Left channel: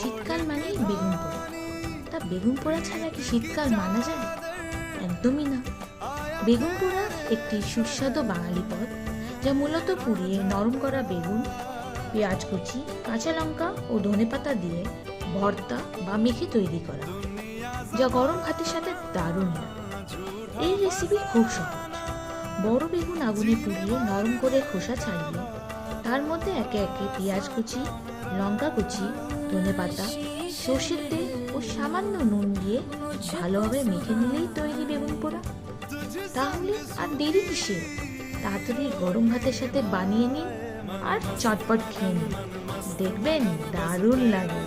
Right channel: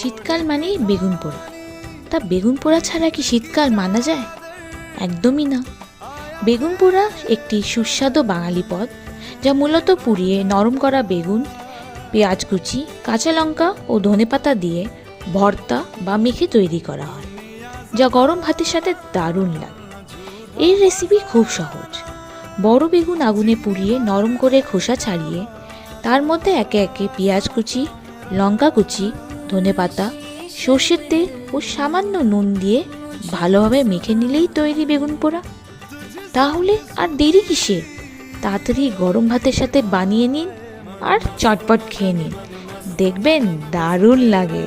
শীতকাল মানেই বেগুন পোড়া। তা বেগুন পোড়া ছাড়া কি শীতকাল মানা যায়? একদমই না। বেগুন পোড়া একটি সুস্বাদু বাঙালি পদ, যা মূলত পুড়িয়ে নরম করা বেগুন, পেঁয়াজ কুচি, কাঁচা লঙ্কা ও ধনেপাতা দিয়ে ভর্তা বা মেখে তৈরি করা হয়, যা গরম ভাতের সাথে দারুণ লাগে। এই রেসিপি খুব সহজ। বড় বেগুন আগুনে পুড়িয়ে নরম করে খোসা ছাড়িয়ে তার মধ্যে একে একে পেঁয়াজ কুচি, লঙ্কা কুচি, ধনেপাতা, সর্ষের তেল ও সামান্য নুন দিয়ে ভালোভাবে মেখে নিলেই তৈরি বেগুন পোড়া। তাহলে আর দেরি কিসের? তাড়াতাড়ি গরম ভাতের সাথে বানিয়ে নিন আর চটপট খেয়ে নিন, দেখবেন দারুণ লাগে।